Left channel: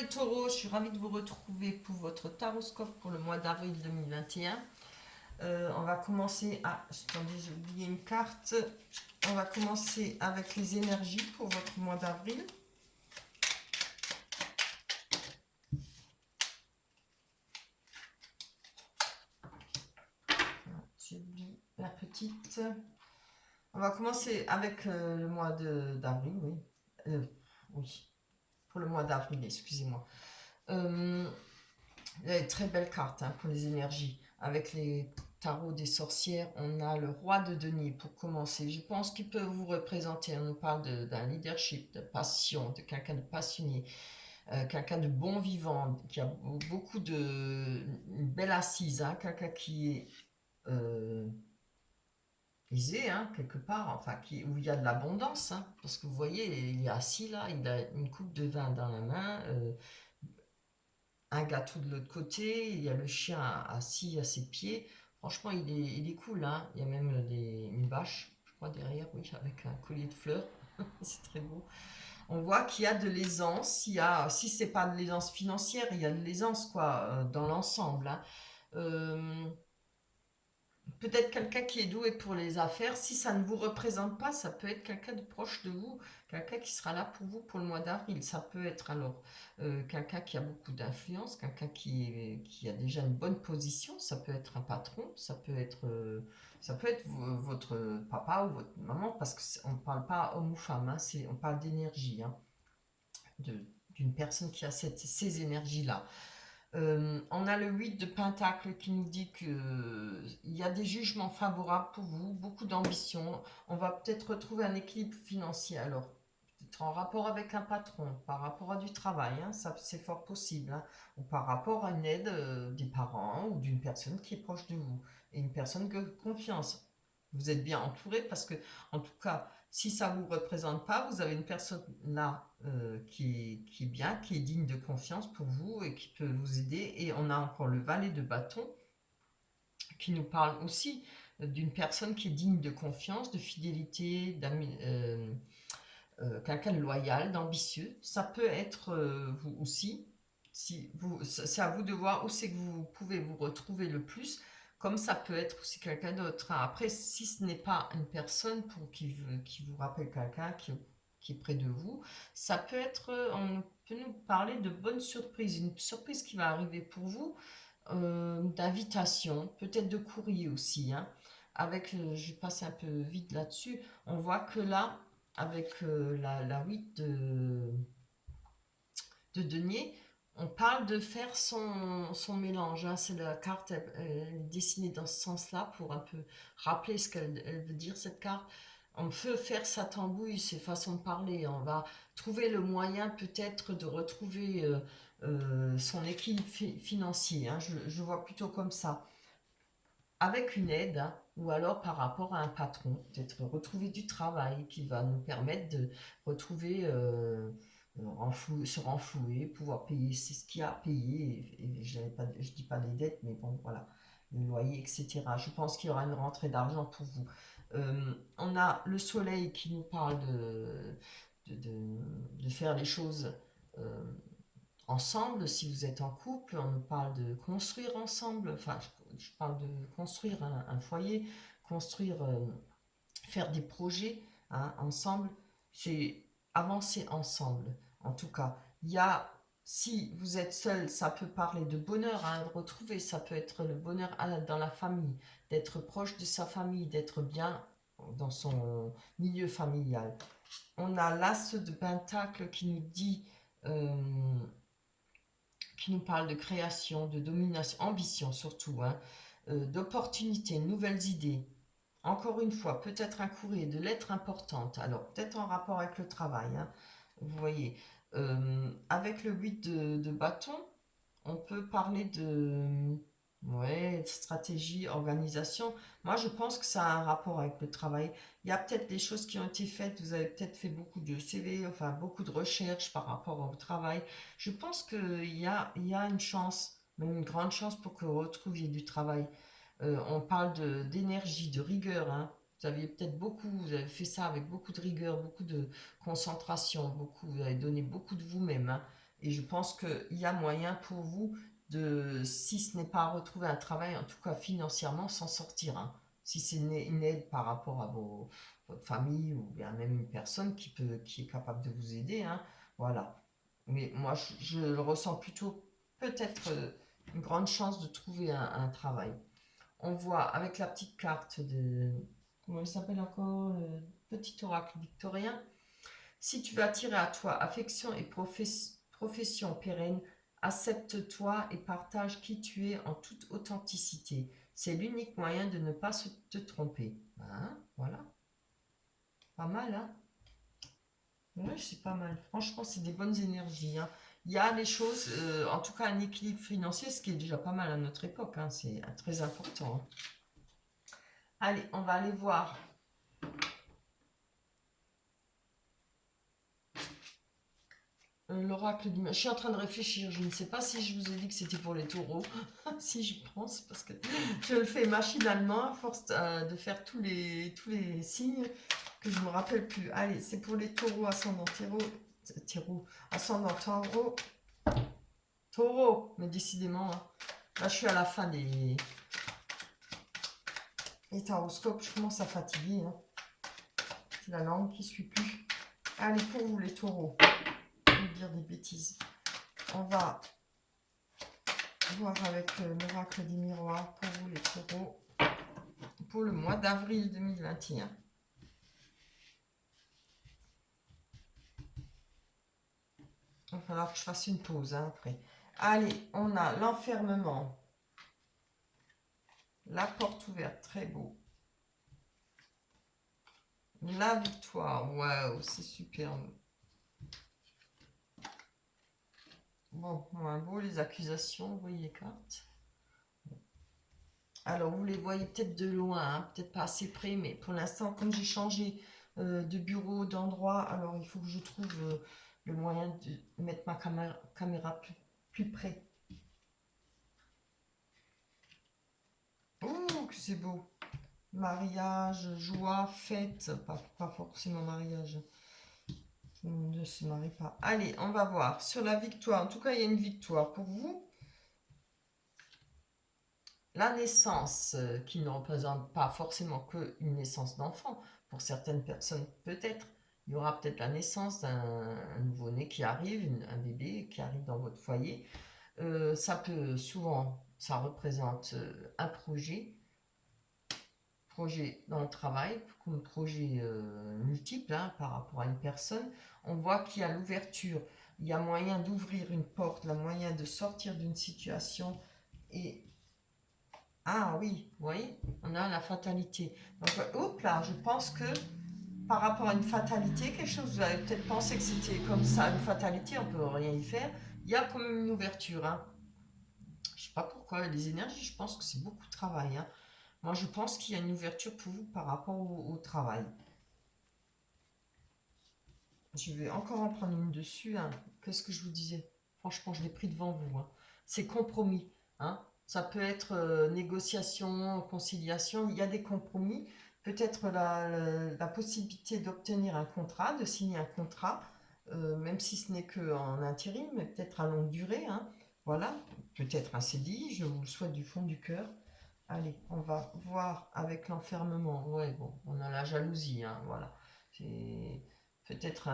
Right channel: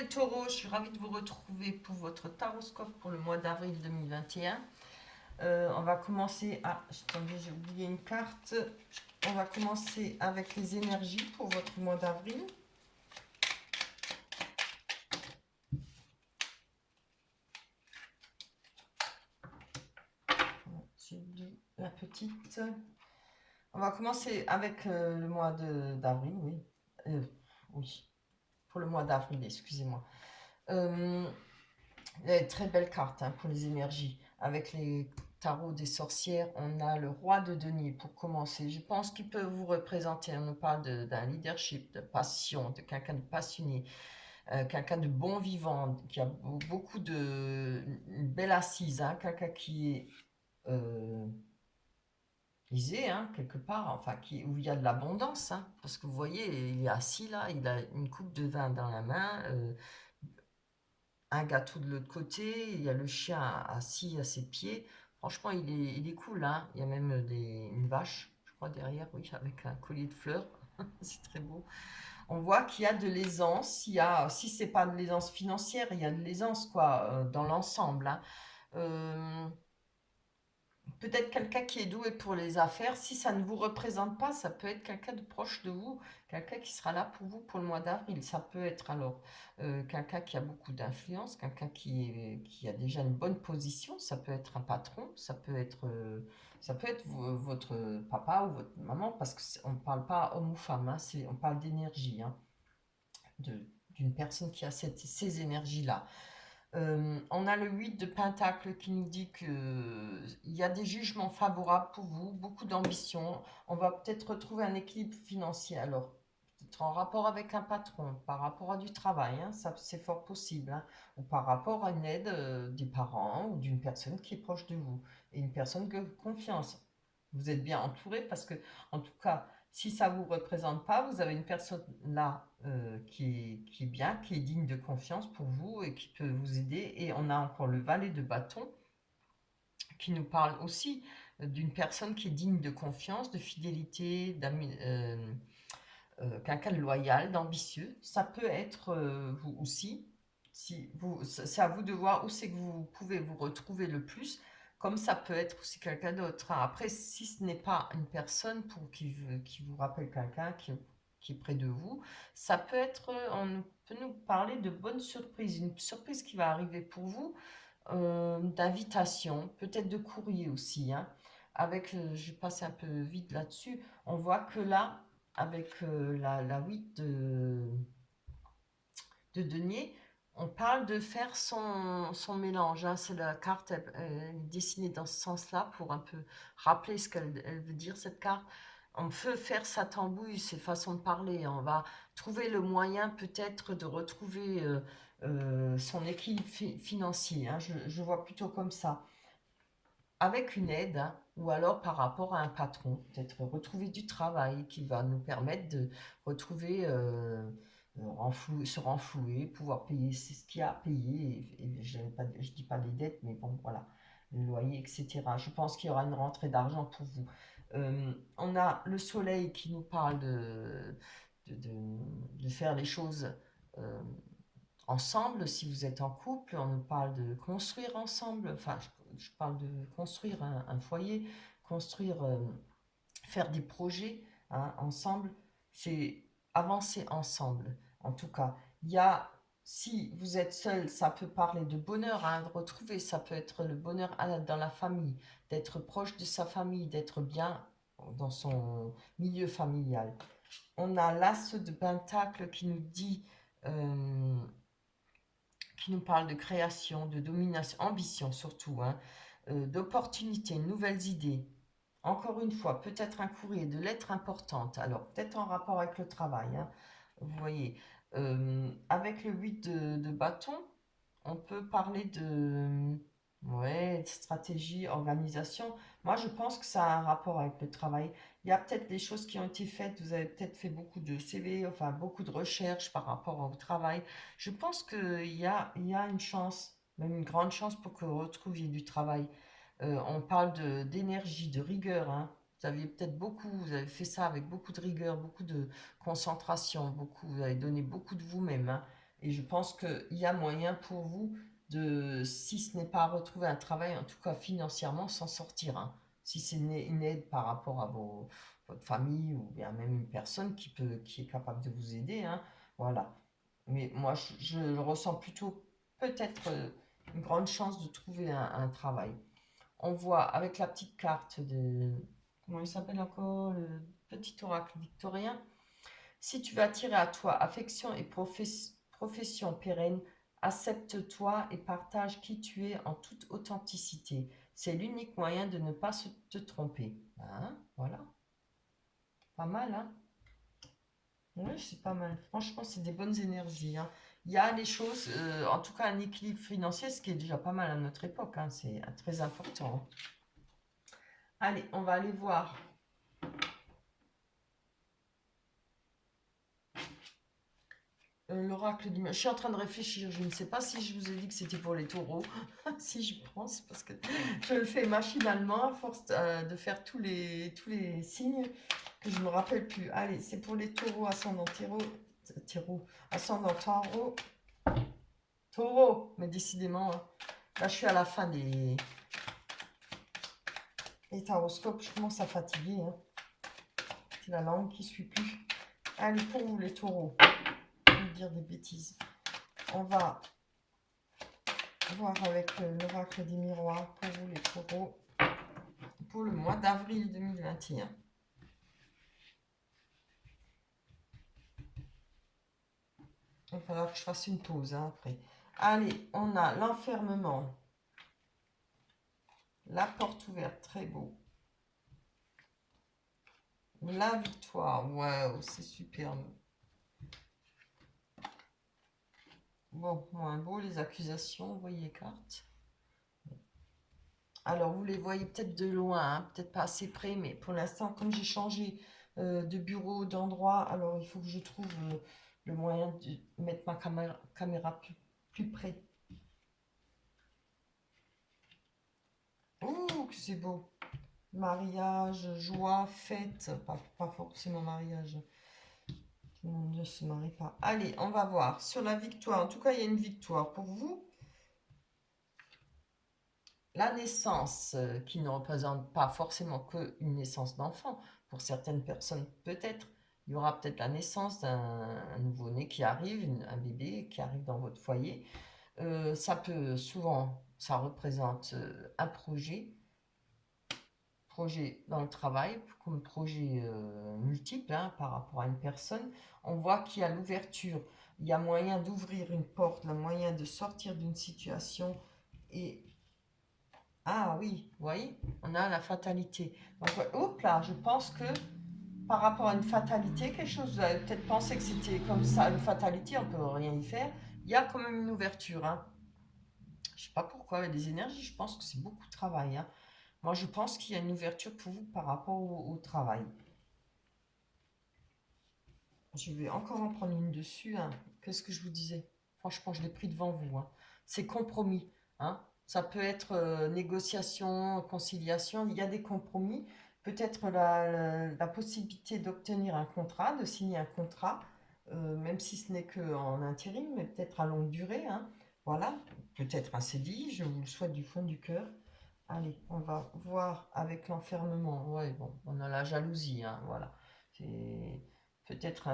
les taureaux, je suis ravie de vous retrouver pour votre taroscope pour le mois d'avril 2021. On va commencer... Ah, attendez, j'ai oublié une carte. On va commencer avec les énergies pour votre mois d'avril. J'ai oublié la petite. On va commencer avec le mois d'avril, oui. Oui, pour le mois d'avril, excusez-moi. Très belle carte pour les énergies. Avec les tarots des sorcières, on a le roi de denier pour commencer. Je pense qu'il peut vous représenter. On nous parle d'un leadership, de passion, de quelqu'un de passionné, quelqu'un de bon vivant, qui a beaucoup une belle assise, quelqu'un qui est aisé, quelque part, enfin, où il y a de l'abondance. Parce que vous voyez, il est assis là, il a une coupe de vin dans la main. Un gâteau de l'autre côté, il y a le chien assis à ses pieds. Franchement, il est cool, hein. Il y a même une vache, je crois, derrière, oui, avec un collier de fleurs. C'est très beau. On voit qu'il y a de l'aisance. Si c'est pas de l'aisance financière, il y a de l'aisance, quoi, dans l'ensemble, hein. Euh, Peut-être quelqu'un qui est doué pour les affaires. Si ça ne vous représente pas, ça peut être quelqu'un de proche de vous, quelqu'un qui sera là pour vous pour le mois d'avril. Ça peut être alors quelqu'un qui a beaucoup d'influence, quelqu'un qui a déjà une bonne position. Ça peut être un patron, ça peut être votre papa ou votre maman, parce qu'on ne parle pas homme ou femme, on parle d'énergie, d'une personne qui a ces énergies-là. On a le 8 de Pentacle qui nous dit qu'il y a des jugements favorables pour vous, beaucoup d'ambition. On va peut-être retrouver un équilibre financier, alors peut-être en rapport avec un patron, par rapport à du travail, ça c'est fort possible, ou par rapport à une aide des parents ou d'une personne qui est proche de vous, et une personne de confiance. Vous êtes bien entouré parce que, en tout cas, si ça ne vous représente pas, vous avez une personne là qui est bien, qui est digne de confiance pour vous et qui peut vous aider. Et on a encore le valet de bâton qui nous parle aussi d'une personne qui est digne de confiance, de fidélité, quelqu'un de loyal, d'ambitieux. Ça peut être vous aussi. C'est à vous de voir où c'est que vous pouvez vous retrouver le plus, comme ça peut être aussi quelqu'un d'autre. Après, si ce n'est pas une personne qui vous rappelle quelqu'un qui est près de vous, ça peut être, on peut nous parler de bonnes surprises, une surprise qui va arriver pour vous, d'invitation, peut-être de courrier aussi. Avec, je passe un peu vite là-dessus, on voit que là, avec la 8 de denier, on parle de faire son mélange. C'est la carte, elle est dessinée dans ce sens-là pour un peu rappeler ce qu'elle veut dire, cette carte. On peut faire sa tambouille, ses façons de parler. On va trouver le moyen peut-être de retrouver son équilibre financier. Je vois plutôt comme ça. Avec une aide, ou alors par rapport à un patron, peut-être retrouver du travail qui va nous permettre de retrouver, se renflouer, pouvoir payer ce qu'il y a à payer. Et je ne dis pas les dettes, mais bon, voilà, le loyer, etc. Je pense qu'il y aura une rentrée d'argent pour vous. On a le soleil qui nous parle de faire les choses euh, ensemble. Si vous êtes en couple, on nous parle de construire ensemble. Enfin, je parle de construire un foyer, construire, faire des projets ensemble. C'est avancer ensemble. En tout cas, il y a, si vous êtes seul, ça peut parler de bonheur, de retrouver. Ça peut être le bonheur dans la famille, d'être proche de sa famille, d'être bien dans son milieu familial. On a l'as de Pentacle euh, qui nous parle de création, de domination, ambition surtout, d'opportunités, nouvelles idées. Encore une fois, peut-être un courrier, de lettres importantes, alors peut-être en rapport avec le travail, vous voyez. Avec le 8 de bâton, on peut parler de stratégie, organisation. Moi, je pense que ça a un rapport avec le travail. Il y a peut-être des choses qui ont été faites. Vous avez peut-être fait beaucoup de CV, enfin beaucoup de recherches par rapport au travail. Je pense qu'il y a une chance, même une grande chance pour que vous retrouviez du travail. On parle d'énergie, de rigueur. Vous avez fait ça avec beaucoup de rigueur, beaucoup de concentration, vous avez donné beaucoup de vous-même. Et je pense qu'il y a moyen pour vous de, si ce n'est pas retrouver un travail, en tout cas financièrement, s'en sortir, hein. Si c'est une aide par rapport à votre famille ou bien même une personne qui est capable de vous aider, hein, voilà. Mais moi, je le ressens plutôt peut-être une grande chance de trouver un travail. On voit avec la petite carte de, comment il s'appelle encore, le petit oracle victorien. Si tu veux attirer à toi affection et profession pérenne, accepte-toi et partage qui tu es en toute authenticité. C'est l'unique moyen de ne pas te tromper. Hein, voilà, pas mal, hein? Oui, c'est pas mal. Franchement, c'est des bonnes énergies, hein. Il y a des choses, en tout cas un équilibre financier, ce qui est déjà pas mal à notre époque, hein. C'est très important, hein. Allez, on va aller voir l'oracle du... Je suis en train de réfléchir, je ne sais pas si je vous ai dit que c'était pour les taureaux, si je pense, parce que je le fais machinalement à force de faire tous les signes que je ne me rappelle plus. Allez, c'est pour les taureaux, ascendant ascendant taureau, mais décidément, hein, là je suis à la fin des taroscopes, je commence à fatiguer, hein. C'est la langue qui ne suit plus. Allez, pour vous les taureaux, je vais dire des bêtises. On va voir avec l'oracle des miroirs pour vous les taureaux pour le mois d'avril 2021. Il va falloir que je fasse une pause, hein, après. Allez, on a l'enfermement. La porte ouverte, très beau. La victoire, waouh, c'est superbe. Bon, moins beau, les accusations, vous voyez les cartes. Alors, vous les voyez peut-être de loin, hein, peut-être pas assez près, mais pour l'instant, comme j'ai changé de bureau, d'endroit, alors il faut que je trouve le moyen de mettre ma caméra plus près. Ouh, que c'est beau! Mariage, joie, fête, pas forcément mariage. Tout le monde ne se marie pas. Allez, on va voir. Sur la victoire, en tout cas, il y a une victoire pour vous. La naissance, qui ne représente pas forcément qu'une naissance d'enfant. Pour certaines personnes, peut-être. Il y aura peut-être la naissance d'un nouveau-né qui arrive, un bébé qui arrive dans votre foyer. Ça peut souvent, ça représente un projet dans le travail, comme projet multiple, hein, par rapport à une personne. On voit qu'il y a l'ouverture, il y a moyen d'ouvrir une porte, il y a moyen de sortir d'une situation. Et ah oui, vous voyez, on a la fatalité. Donc, hop là, je pense que par rapport à une fatalité, quelque chose, vous avez peut-être pensé que c'était comme ça, une fatalité, on peut rien y faire. Il y a quand même une ouverture, hein. Je sais pas pourquoi, les énergies, je pense que c'est beaucoup de travail, hein. Moi, je pense qu'il y a une ouverture pour vous par rapport au travail. Je vais encore en prendre une dessus, hein. Qu'est-ce que je vous disais? Franchement, je l'ai pris devant vous, hein. C'est compromis, hein. Ça peut être négociation, conciliation. Il y a des compromis. Peut-être la possibilité d'obtenir un contrat, de signer un contrat, même si ce n'est qu'en intérim, mais peut-être à longue durée, hein. Voilà, peut-être un CDI, je vous le souhaite du fond du cœur. Allez, on va voir avec l'enfermement. Ouais, bon, on a la jalousie, hein, voilà. C'est peut-être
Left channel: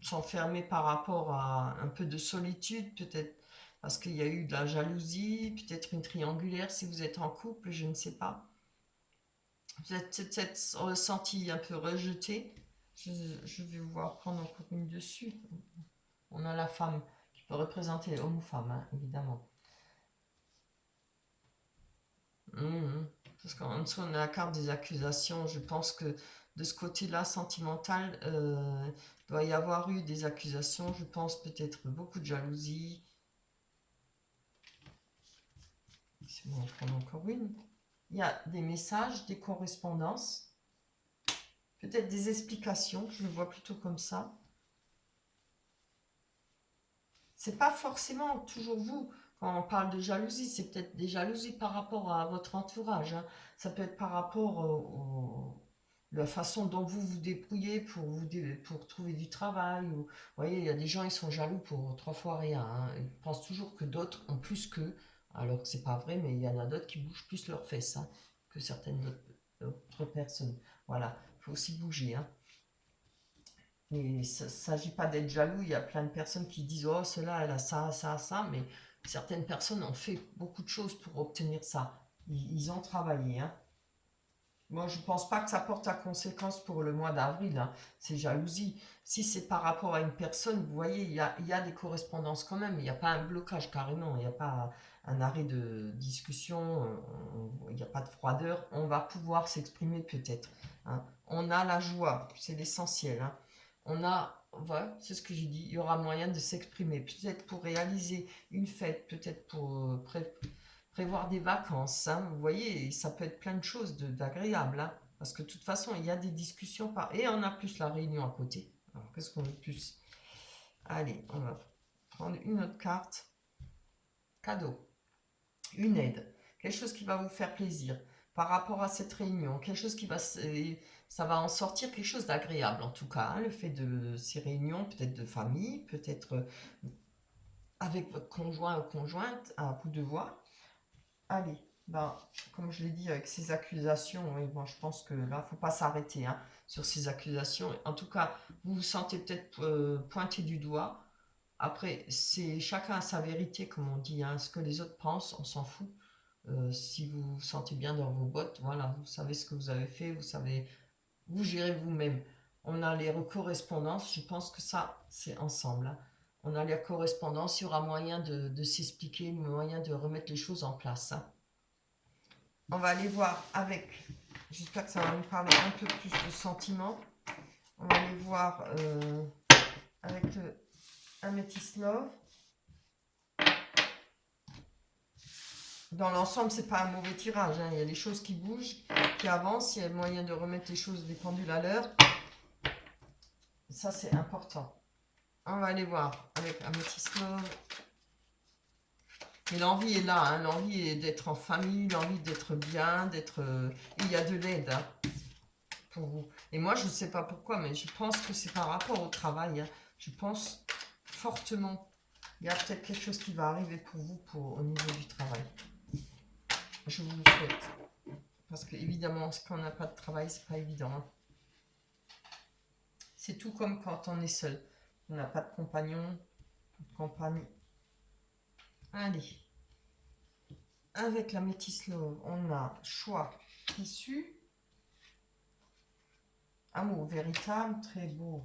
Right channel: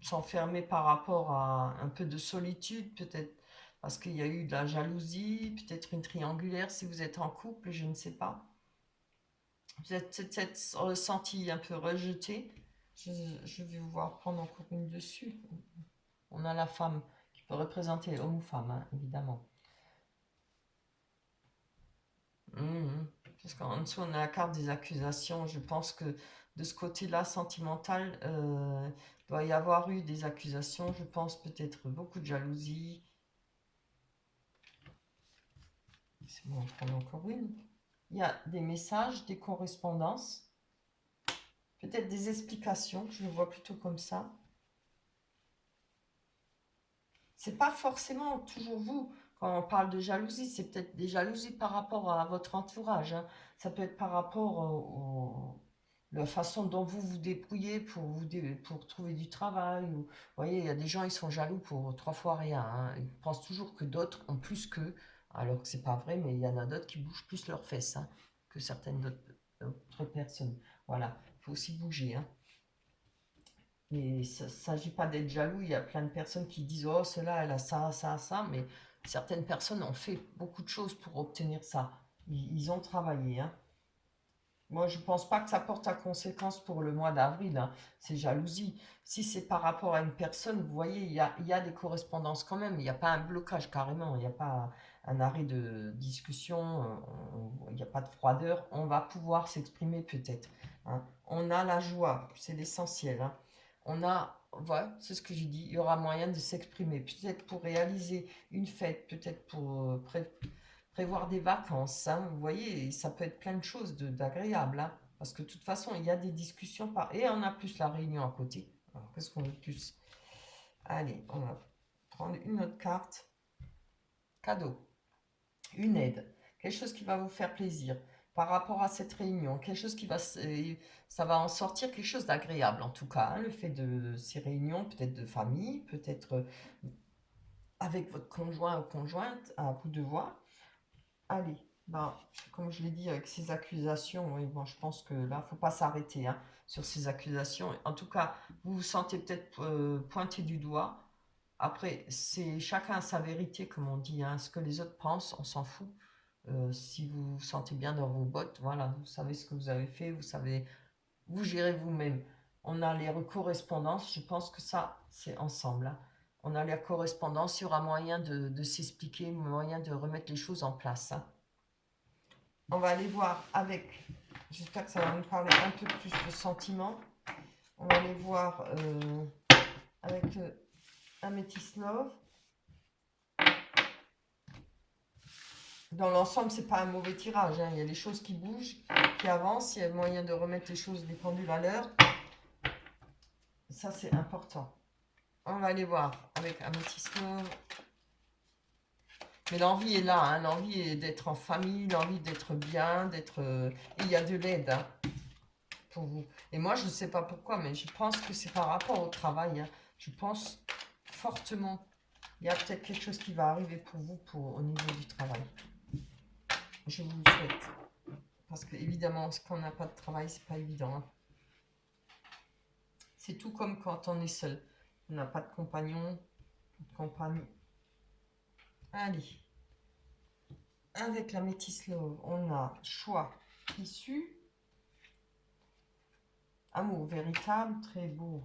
s'enfermer par rapport à un peu de solitude, peut-être parce qu'il y a eu de la jalousie, peut-être une triangulaire si vous êtes en couple, je ne sais pas. Vous êtes peut-être ressenti un peu rejeté. Je vais vous voir prendre encore une dessus. On a la femme qui peut représenter homme ou femme, hein, évidemment. Mhm. Parce qu'en dessous, on a la carte des accusations. Je pense que de ce côté-là, sentimental, doit y avoir eu des accusations. Je pense peut-être beaucoup de jalousie. C'est bon, on prend encore une. Il y a des messages, des correspondances, peut-être des explications. Je le vois plutôt comme ça. C'est pas forcément toujours vous. Quand on parle de jalousie, c'est peut-être des jalousies par rapport à votre entourage, hein. Ça peut être par rapport la façon dont vous vous débrouillez pour trouver du travail. Vous voyez, il y a des gens, ils sont jaloux pour 3 fois rien, hein. Ils pensent toujours que d'autres ont plus qu'eux, alors que c'est pas vrai, mais il y en a d'autres qui bougent plus leurs fesses, hein, que certaines d'autres personnes. Voilà, il faut aussi bouger, hein. Et ça ne s'agit pas d'être jaloux, il y a plein de personnes qui disent oh, cela, elle a ça, ça, ça, mais certaines personnes ont fait beaucoup de choses pour obtenir ça. Ils ont travaillé, hein. Moi, je ne pense pas que ça porte à conséquence pour le mois d'avril, hein. C'est jalousie. Si c'est par rapport à une personne, vous voyez, il y a des correspondances quand même. Il n'y a pas un blocage carrément. Il n'y a pas un arrêt de discussion. Il n'y a pas de froideur. On va pouvoir s'exprimer peut-être, hein. On a la joie, c'est l'essentiel, hein. On a, voilà, c'est ce que j'ai dit. Il y aura moyen de s'exprimer. Peut-être pour réaliser une fête, peut-être pour prévoir des vacances, hein, vous voyez, ça peut être plein de choses d'agréable, hein, parce que de toute façon, il y a des discussions et on a plus la réunion à côté. Alors, qu'est-ce qu'on veut de plus? Allez, on va prendre une autre carte. Cadeau, une aide, quelque chose qui va vous faire plaisir par rapport à cette réunion, quelque chose qui va, ça va en sortir quelque chose d'agréable en tout cas, hein, le fait de ces réunions, peut-être de famille, peut-être avec votre conjoint ou conjointe, à vous de voir. Allez, ben, comme je l'ai dit avec ces accusations, oui, bon, je pense que là, il ne faut pas s'arrêter, hein, sur ces accusations. En tout cas, vous vous sentez peut-être pointé du doigt. Après, c'est chacun a sa vérité, comme on dit, hein. Ce que les autres pensent, on s'en fout. Si vous vous sentez bien dans vos bottes, voilà, vous savez ce que vous avez fait, vous savez, vous gérez vous-même. On a les correspondances, je pense que ça, c'est ensemble, hein. On a les correspondances, il y aura moyen de s'expliquer, moyen de remettre les choses en place, hein. On va aller voir avec, j'espère que ça va nous parler un peu plus de sentiments. On va aller voir avec le Amethyst Love. Dans l'ensemble, c'est pas un mauvais tirage, hein. Il y a des choses qui bougent, qui avancent, il y a moyen de remettre les choses, les pendules à l'heure. Ça, c'est important. On va aller voir avec Amethyst Love. Mais l'envie est là, hein. L'envie est d'être en famille, l'envie d'être bien, d'être... il y a de l'aide, hein, pour vous. Et moi, je ne sais pas pourquoi, mais je pense que c'est par rapport au travail, hein. Je pense fortement. Il y a peut-être quelque chose qui va arriver pour vous au niveau du travail. Je vous le souhaite. Parce que évidemment, quand on n'a pas de travail, c'est pas évident, hein. C'est tout comme quand on est seul. On n'a pas de compagnon, de compagnie. Allez. Avec la Métis Love, on a choix, issu, amour véritable, très beau.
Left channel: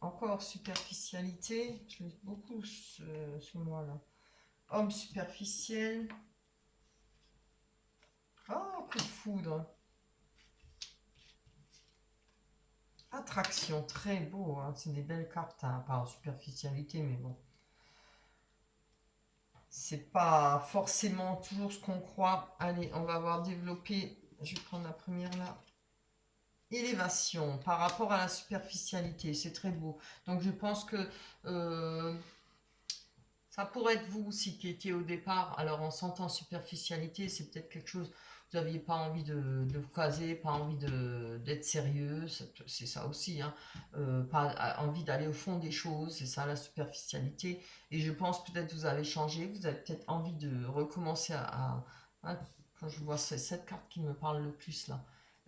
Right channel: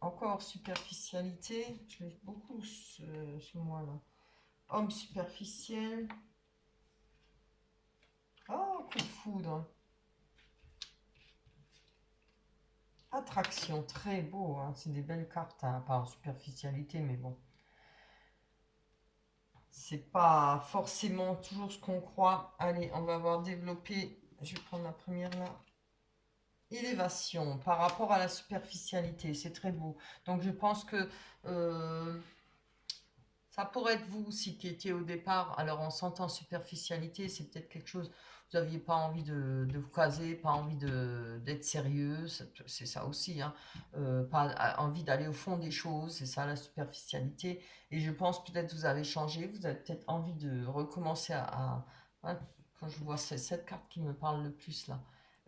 Encore superficialité, je l'ai beaucoup ce mois-là. Homme superficiel. Oh, coup de foudre. Attraction, très beau, hein. C'est des belles cartes, hein, par superficialité, mais bon. C'est pas forcément toujours ce qu'on croit. Allez, on va voir développer. Je vais prendre la première là. Élévation par rapport à la superficialité, c'est très beau. Donc je pense que ça pourrait être vous aussi qui étiez au départ. Alors en sentant superficialité, c'est peut-être quelque chose, vous n'aviez pas envie de vous caser, pas envie d'être sérieux, c'est ça aussi, hein. Pas envie d'aller au fond des choses, c'est ça la superficialité. Et je pense peut-être vous avez changé, vous avez peut-être envie de recommencer hein, quand je vois cette carte qui me parle le plus là,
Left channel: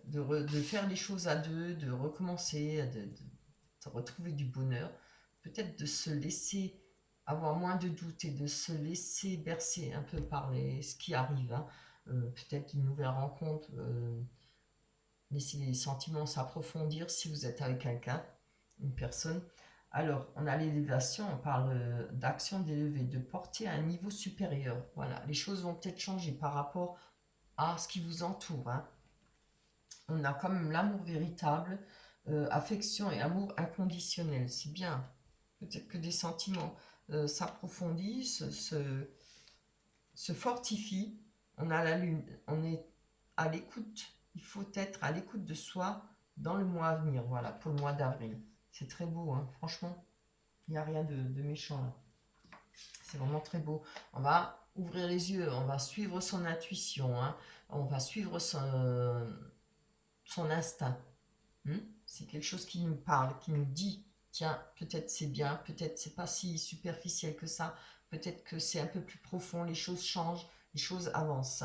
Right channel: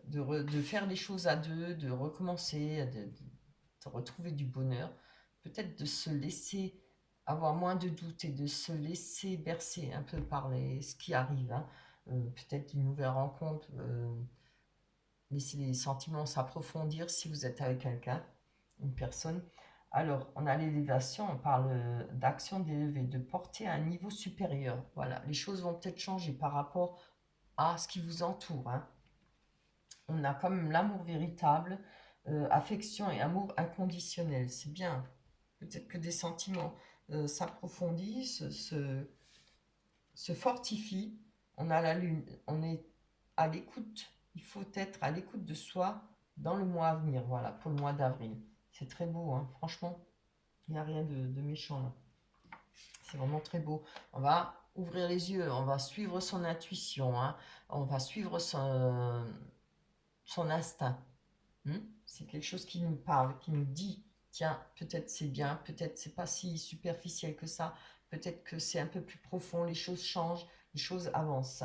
de faire les choses à deux, de recommencer, de retrouver du bonheur, peut-être de se laisser avoir moins de doutes et de se laisser bercer un peu par ce qui arrive, hein. Peut-être une nouvelle rencontre, laisser les sentiments s'approfondir si vous êtes avec quelqu'un, une personne. Alors, on a l'élévation, on parle d'action d'élever, de porter à un niveau supérieur. Voilà, les choses vont peut-être changer par rapport à ce qui vous entoure, hein. On a quand même l'amour véritable, affection et amour inconditionnel. C'est bien. Peut-être que des sentiments s'approfondissent, se fortifient. On a la lune, on est à l'écoute. Il faut être à l'écoute de soi dans le mois à venir. Voilà, pour le mois d'avril. C'est très beau, hein. Franchement, il n'y a rien de méchant là. C'est vraiment très beau. On va ouvrir les yeux, on va suivre son intuition, hein. on va suivre son instinct. C'est quelque chose qui nous parle, qui nous dit, tiens, peut-être c'est bien, peut-être c'est pas si superficiel que ça, peut-être que c'est un peu plus profond, les choses changent, les choses avancent.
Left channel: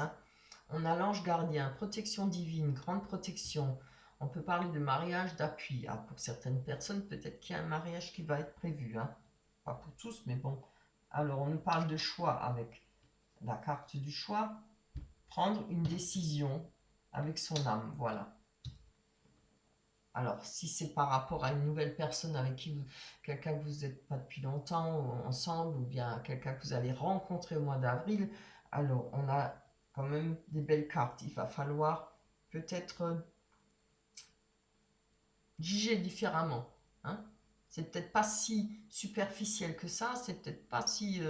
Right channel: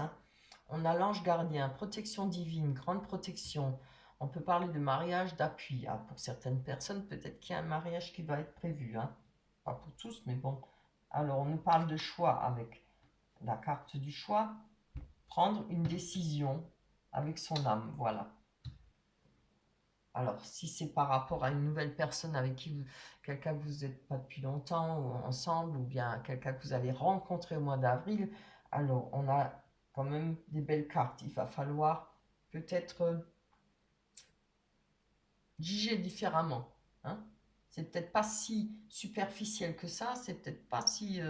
On a l'ange gardien, protection divine, grande protection. On peut parler de mariage d'appui. Pour certaines personnes, peut-être qu'il y a un mariage qui va être prévu. Pas pour tous, mais bon. Alors, on nous parle de choix avec la carte du choix. Prendre une décision avec son âme, voilà. Alors, si c'est par rapport à une nouvelle personne avec qui quelqu'un que vous n'êtes pas depuis longtemps ensemble, ou bien quelqu'un que vous allez rencontrer au mois d'avril, alors on a quand même des belles cartes. Il va falloir peut-être juger différemment. C'est peut-être pas si superficiel que ça, c'est peut-être pas si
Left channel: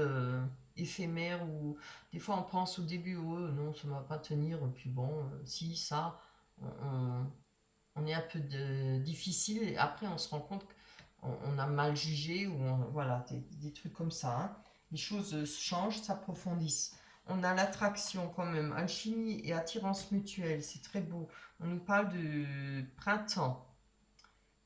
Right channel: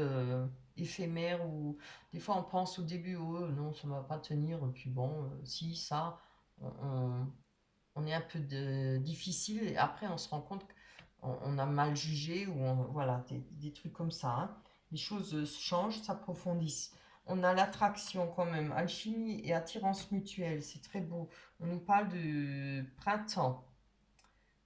éphémère, ou des fois on pense au début, oh non, ça ne va pas tenir, et puis bon, si, ça, on est un peu difficile, et après on se rend compte qu'on a mal jugé, ou voilà, des trucs comme ça. Les choses changent, s'approfondissent. On a l'attraction quand même, alchimie et attirance mutuelle, c'est très beau. On nous parle de printemps.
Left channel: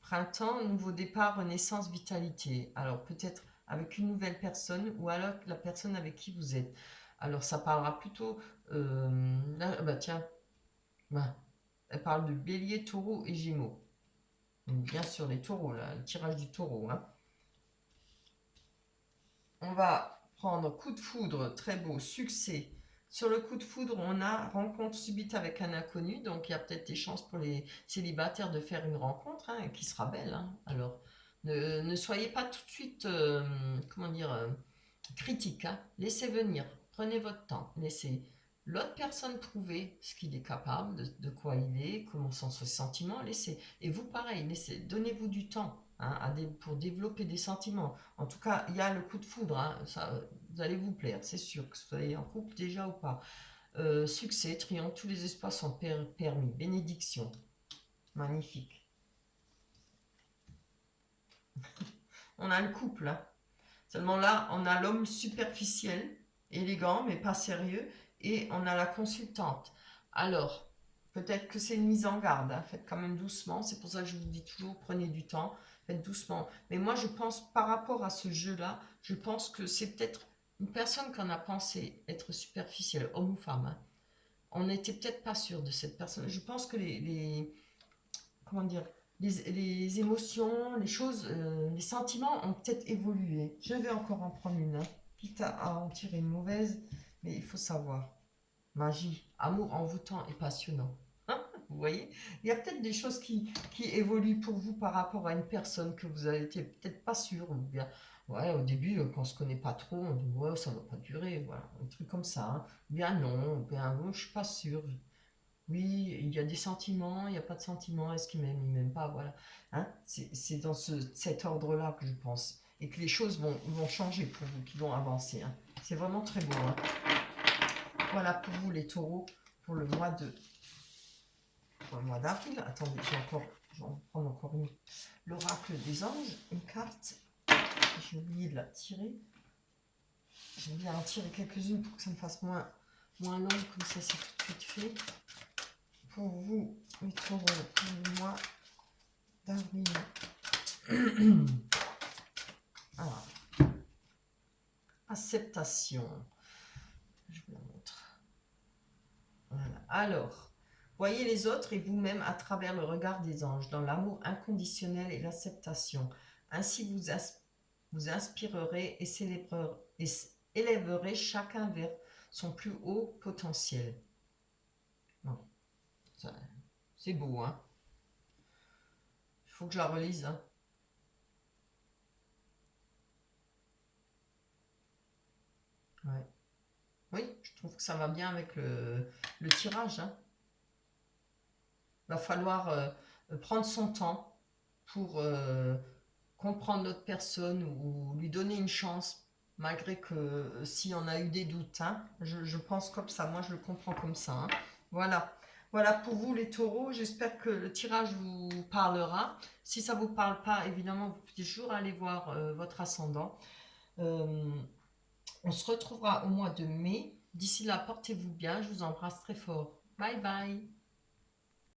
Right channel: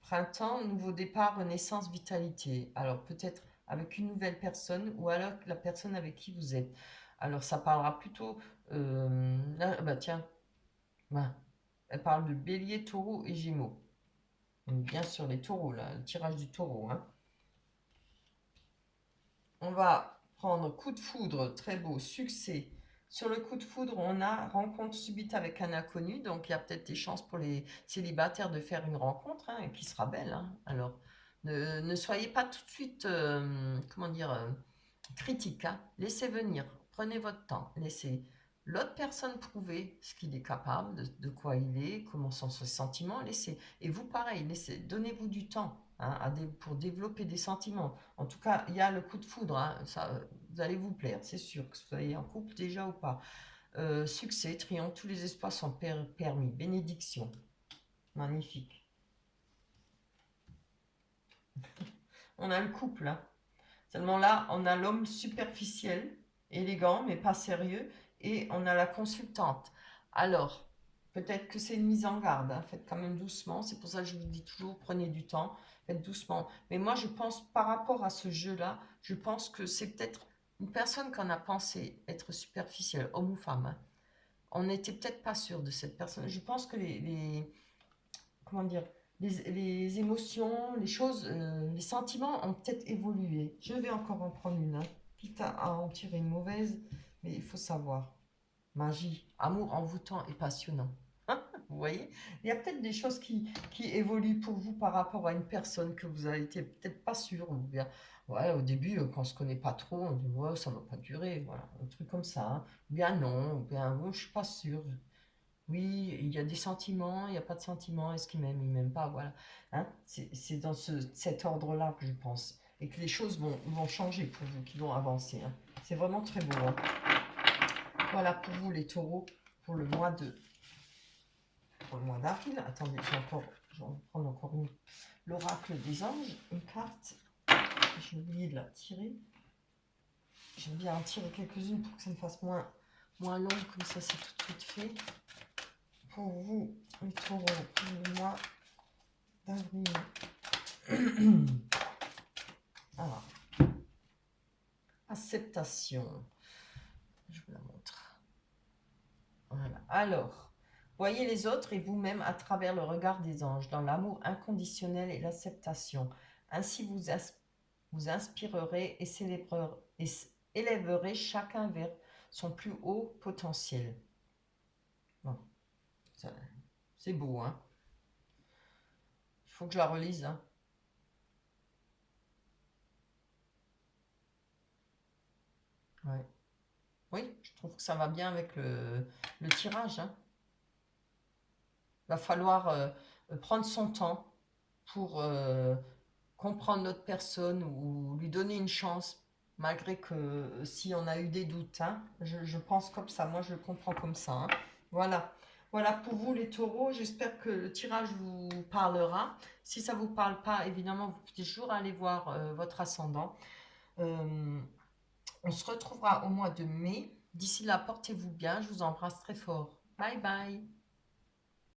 Printemps, nouveau départ, renaissance, vitalité. Alors peut-être avec une nouvelle personne, ou alors la personne avec qui vous êtes. Alors ça parlera plutôt... là, tiens, elle parle de bélier, taureau et gémeaux. On est bien sur les taureaux, là, le tirage du taureau. On va prendre coup de foudre, très beau, succès. Sur le coup de foudre, on a rencontre subite avec un inconnu, donc il y a peut-être des chances pour les célibataires de faire une rencontre qui sera belle. Alors, ne soyez pas tout de suite, comment dire, critique. Laissez venir, prenez votre temps, laissez l'autre personne prouver ce qu'il est capable, de quoi il est, comment sont ses sentiments, laissez. Et vous, pareil, donnez-vous du temps pour développer des sentiments. En tout cas, il y a le coup de foudre, ça, vous allez vous plaire, c'est sûr, que vous soyez en couple déjà ou pas. Succès, triomphe, tous les espaces sont permis, bénédiction, magnifique. On a le couple, seulement là, on a l'homme superficiel, élégant, mais pas sérieux, et on a la consultante. Alors, peut-être que c'est une mise en garde, faites quand même doucement, c'est pour ça que je vous dis toujours, prenez du temps, faites doucement. Mais moi, je pense, par rapport à ce jeu-là, je pense que c'est peut-être une personne qu'on a pensé être superficielle, homme ou femme. On n'était peut-être pas sûr de cette personne. Je pense que comment dire, les émotions, les choses, les sentiments ont peut-être évolué. Je vais encore en prendre une, quitte à en tirer une mauvaise, mais il faut savoir. Magie, amour envoûtant et passionnant. Vous voyez, il y a peut-être des choses qui évoluent pour vous par rapport à une personne que vous avez été peut-être pas sûr, ou bien, ouais, au début, quand on se connaît pas trop, on dit, ouais, ça va pas durer, voilà, un truc comme ça. Ou bien non, ou bien, je suis pas sûr. Oui, il y a des sentiments, il n'y a pas de sentiments, est-ce qu'il m'aime, il m'aime pas, voilà. C'est dans cet ordre-là que je pense. Et que les choses vont changer pour vous, qui vont avancer. C'est vraiment très beau. Voilà pour vous les taureaux, pour le mois d'avril. Attendez, je vais en prendre encore une. L'oracle des anges, une carte. J'ai oublié de la tirer. J'aime bien en tirer quelques-unes pour que ça me fasse moins long, comme ça c'est tout de suite fait. Pour vous, les taureaux, pour le mois d'avril. Alors, acceptation. Je vous la montre. Voilà. Alors, voyez les autres et vous-même à travers le regard des anges, dans l'amour inconditionnel et l'acceptation. Ainsi vous inspirerez et élèverez chacun vers son plus haut potentiel. Bon, c'est beau, Il faut que je la relise, Ouais. Oui, je trouve que ça va bien avec le tirage. Va falloir prendre son temps pour comprendre notre personne, ou lui donner une chance, malgré que si on a eu des doutes. Je pense comme ça, moi je le comprends comme ça. Voilà. Voilà pour vous les taureaux, j'espère que le tirage vous parlera. Si ça ne vous parle pas, évidemment, vous pouvez toujours aller voir votre ascendant. On se retrouvera au mois de mai. D'ici là, portez-vous bien, je vous embrasse très fort. Bye bye.